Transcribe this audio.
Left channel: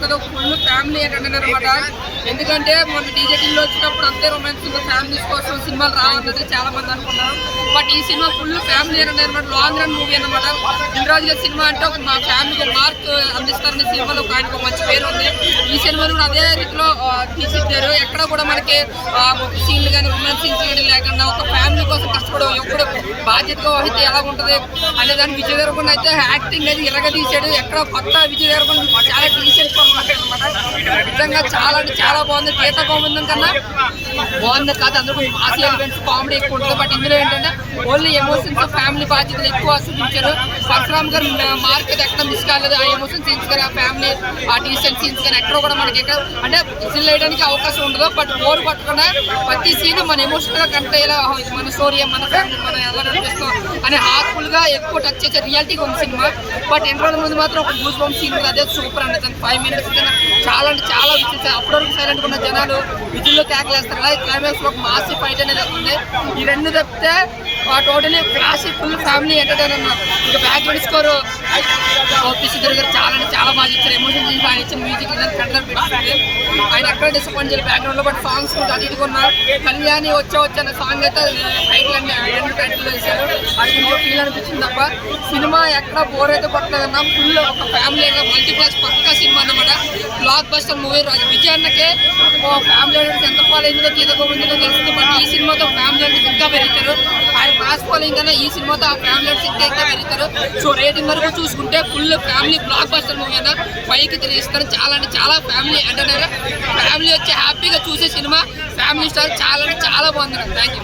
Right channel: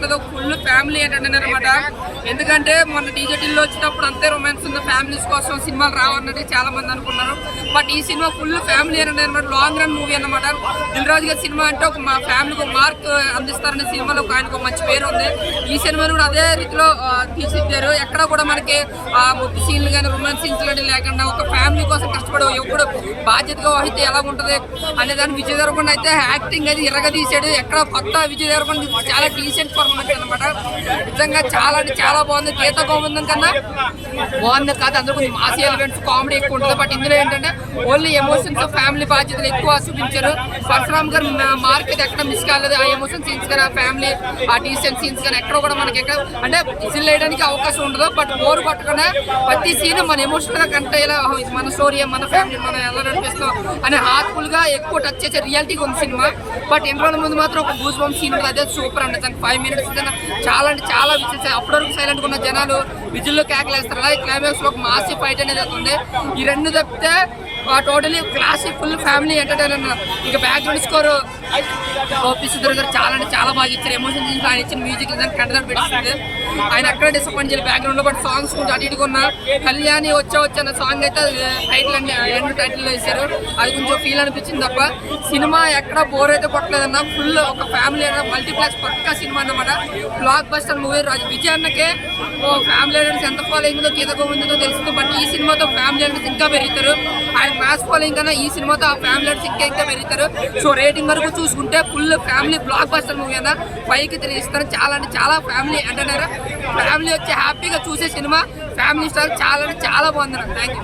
ఉంటుంది, full family entertainer అనమాట. ఎందుకంటే మొన్న డీజేటీలో వచ్చినప్పుడు అంతే రొమాన్స్ ఉంది, ఫ్యామిలీస్ కోసం సినిమాలు రావన్నది చాలా మంది అనుకున్నారు. బట్ ఈ cinema full family entertainer, long run movie అన్నమాట. దిల్రాజు గారి సినిమా అంటే మా ఫ్యామిలీకి ఒక మార్క్ అందిస్తారనే సినిమాలో ఆయనకు ఒక మంచి పేరు ఉంది. ఈ సినిమాను కూడా అదే రీతిలో తీసిచ్చారు. ఎక్కడ కూడా మనకి ముద్దు సీన్లు కానీ రొమాన్స్ సీన్స్ కానీ లేకుండా ఒక ఫ్యామిలీ కోసం కష్టపడే ఎప్పుడు బాధ్యతగా వహిస్తే ఎలా ఉంటుంది అనే దాన్ని విజయ్ దేవరకొండ అయితే యాక్టింగ్ అది ఇరగా తీసాడు. ఎక్కడ కొత్త విజయ్ దేవరకొండ చాలా డీసెంట్ పర్ఫార్మెన్స్ అనమాట. నిజంగా చాలా అంటే చాలా బాగుంది. గీత గోవిందం కన్నా బాగుంది కాదు, అందులో కొంచెం మాసీ ఎలిమెంట్స్ కామెడీ ఎక్కువ ఉంటుంది. బట్ ఇందులో ఏంటంటే ఓన్లీ ఎమోషన్స్ ఫ్యామిలీ బాధ్యతలు ఎక్కువ చూపించారు. పరశురామ్ గారు మార్కెట్ ఎక్కడ మిస్ కాలేదు. ఆ ఎమోషన్ సీన్స్ కానీ ఆ ఫ్యామిలీ ఆ డీసెంట్ సీన్స్ కానీ ఎక్కడ కూడా మనకి ఎక్కడ అంటే విజిల్ వేయడానికి అవకాశం ఉండదు. బట్ బోర్ కొట్టకుండా ప్రతి సీన్ మన ఎమోషనల్ గా కంటే ఇలా మన స్టోరీ మన ఫ్యామిలీ మనం ఎలా నడిపిస్తాం అనే హార్ట్ఫుల్ గా ఎక్కువ టచ్ చేసే రియాలిటీగా ఉంది సినిమా. బట్ ఇంటర్వల్ ముందు మాత్రం ఒక గూస్ బంప్ సీన్ అదే సూపర్ అండి. దానికి 5 minutes చాలా అంటే చాలా విజిల్స్ అప్పటివరకు సైలెంట్ ఉన్న జనాలు విజిల్లో కేకలేస్తారు. అలాగే క్లైమాక్స్ లో ఒక మాసి ఫైట్ అనేది ఉంది. ఈ రెండు తప్పితే totally classic full family entertainer. ఇంకా బ్యాక్గ్రౌండ్ స్కోర్ గోపి సుధీర్ గారు చాలా అంటే చాలా బాగా ఇచ్చారు. ఎమోషన్ చూసి ఆయన ఇచ్చిన మ్యూజిక్ కంటెంట్ పెట్టింది. ఆయన అక్కడ డిసప్పాయింట్ చేయాలి బ్యాక్గ్రౌండ్ లో. బట్ సాంగ్స్ కొంచెం అటు ఇటుగా ఉన్నా. కళ్యాణి వచ్చా అన్న సాంగ్ అయితే టైటిల్ అన్ని 2 టైటిల్లో వేశారు. అది కొంచెం ఫీల్ అనిపించింది తప్ప సినిమా ఎక్కడ బోర్ అయితే కొట్టలేదన్నా. ఫుల్ ఒక ఫ్యామిలీ మల్టీప్లెక్స్ పక్కా సినిమా అన్నమాట. Blockbuster movie. విజయ్ అన్నకే ఫ్యామిలీ అంటే ఎంత ఫాలో అయిందో గీత గోవిందో తెలుస్తుంది. బట్ ఈ సినిమాతో ఫ్యామిలీ అంటే ఇంకా పెరుగుతారు. ఆయన మ్యాథ్స్ ఫాలోయింగ్ కన్నా ఈ సినిమాతో ఆ ఫ్యామిలీ అంటే ఇంకా పెరుగుతారు. సో రేటింగ్ వరకు చూసుకుంటే full family block buster movie అన్న 5కి 3 ఇస్తారు. చాలా అంటే చాలా ఫ్యామిలీ ఎంటర్టైనర్. ఫ్యామిలీ వచ్చి హ్యాపీగా చూసే సినిమా. ఫ్యామిలీ స్టార్ చాలా అంటే చాలా బాగుంది. Thank you.